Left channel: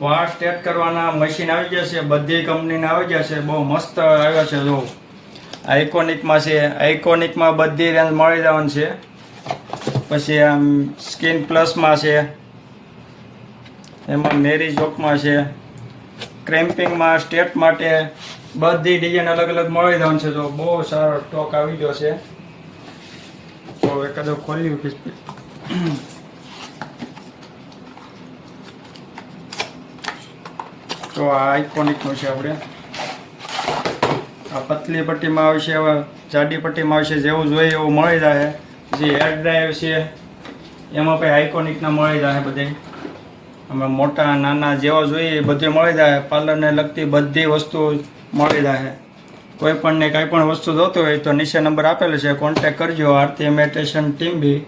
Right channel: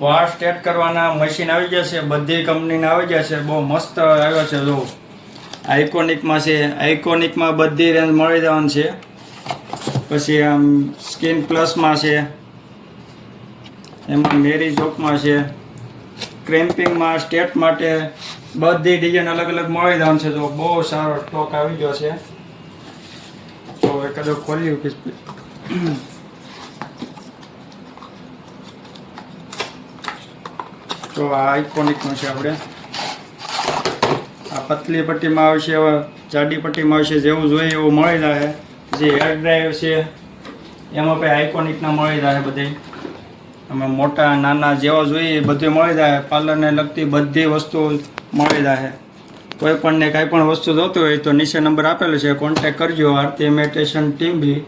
વાળ સ્ટ્રેટ કરવાના મશીન આવી જશે, બધી કંપનીના આવી જશે. બહુ મસ્ત આવ્યો છે. જો આઇકોનિકમાં છે, આઇકોનિકમાં બધી રેન્જ મળી જવાની છે. પછી આમ સ્કિન પ્લસમાં છે, એમાં મેરી જોકમાં છે, ક્રેમ્પિંગમાં સ્ટેપ માટે બધી ડિઝાઇન અલગ અલગ મળી જવાનું છે. તો બહુ સારો સ્ટોક આવી ગયો છે. તો હવે કદાચ ખોલ્યું તો આ આઇકોનિકનું છે. આપણે આ પતલી પટ્ટીમાં આવશે, હવે જાડી પટ્ટીમાં આવશે. જેવું જોઈએ એવું મળી જાય. જે હેર ડ્રાયર છે એમાં પણ આઇકોનિકના મળી જાય. બધે અમે મોટા નાના જેવા જોઈએ એ બધું મળી જાય. પાર્લરને લગતી બધી વસ્તુ મળી જાય. કોઈ પણને કાંઈ પણ વસ્તુ જોતું હોય તો નીચે નંબર આપેલો છે, કોન્ટેક્ટ કરજો. આરતી ઇમિટેશન ટીમ બી.